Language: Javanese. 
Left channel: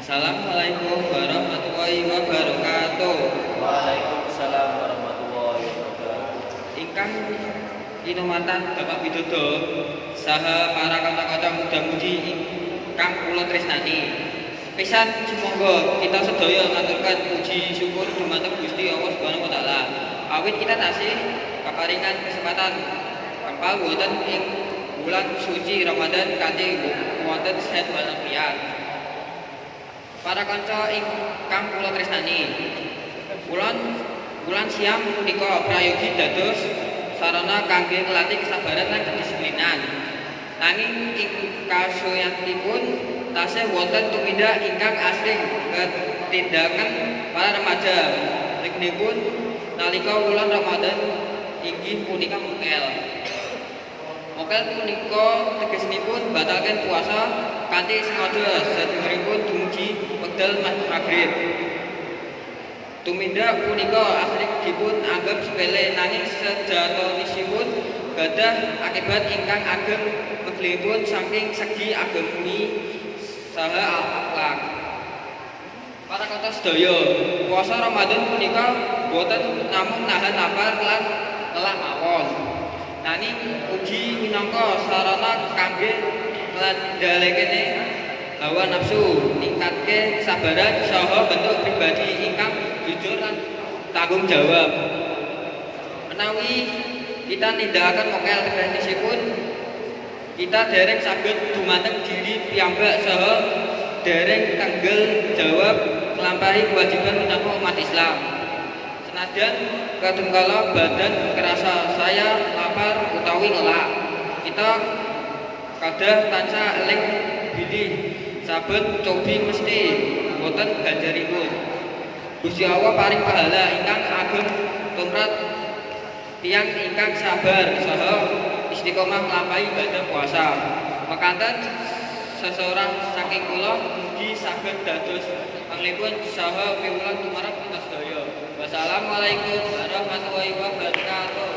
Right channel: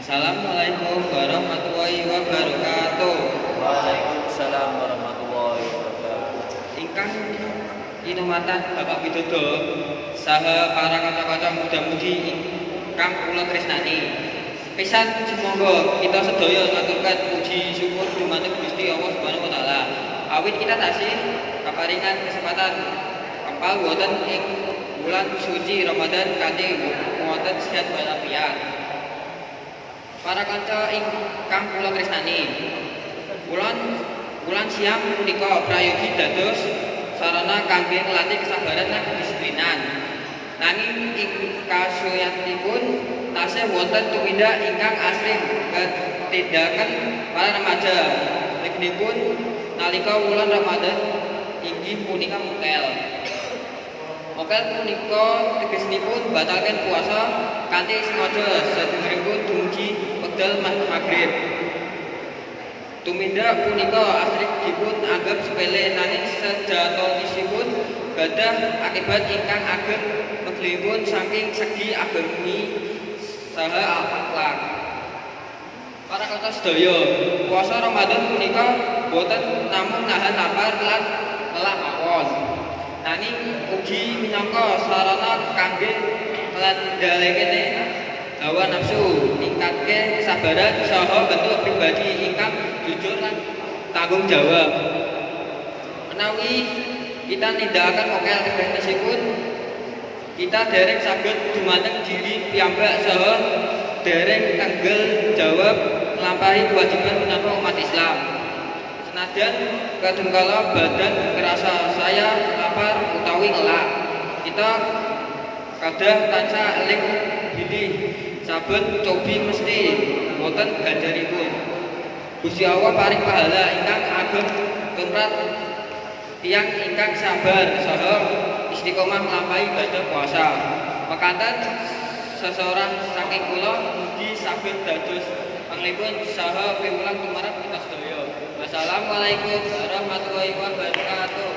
Assalamualaikum warahmatullahi wabarakatuh. Waalaikumsalam warahmatullahi wabarakatuh. Ingkang kinumatan Bapak Widodo saha para kanca-kanca muda-mudi ingkang kula tresnani. Pisan sumangga kita sedaya ngaturkan puji syukur dumateng Gusti Allah Subhanahu wa taala. Awit kita tasih kaparingan kesempatan kapal wonten ing bulan suci Ramadan kanthi wonten sehat walafiat. Para kanca ingkang kula tresnani, bulan siang punika prayogi dados sarana kangge nglatih kesabaran lan kedisiplinan. Nanging ing kasuyanipun tasih wonten tumindak ingkang asring ketindakan para remaja. Ingipun nalika wulan Ramadan inggih punika mokel. Mokel punika tegesipun batalken puasa kanthi sengaja sedherengipun dumugi wekdal maghrib. Tumindak punika asring dipun anggap sepele nanging sejatosipun gadhah akibat ingkang ageng meglipun saking segi agami saha akhlak. Para kanca sedaya, puasa Ramadan punika boten namung nahan lapar lan lelah mawon, nanging ugi minangka sarana kangge nglandhalekake hawa nafsu, ningkatke kesabaran saha bentuk pribadi ingkang jujur lan tanggung jawab. Menawi kita nindakaken mokel tegesipun kita dereng saged dumateng diri piyambak saha dereng tanggel jawab nglampahi kewajiban minangka umat Islam. Senajan kadungkala badan terasa saya lapar utawi lelah, kita kadah tansah eling bilih saben cobi mesti boten ganjaripun. Gusti Allah paring pahala ingkang ageng tumrap tiyang ingkang sabar saha istiqomah nglampahi ibadah puasa. Mekaten seseorang saking kula mugi saged dados panglipun saha piwulang tumarap kita sedaya. Wassalamualaikum warahmatullahi wabarakatuh.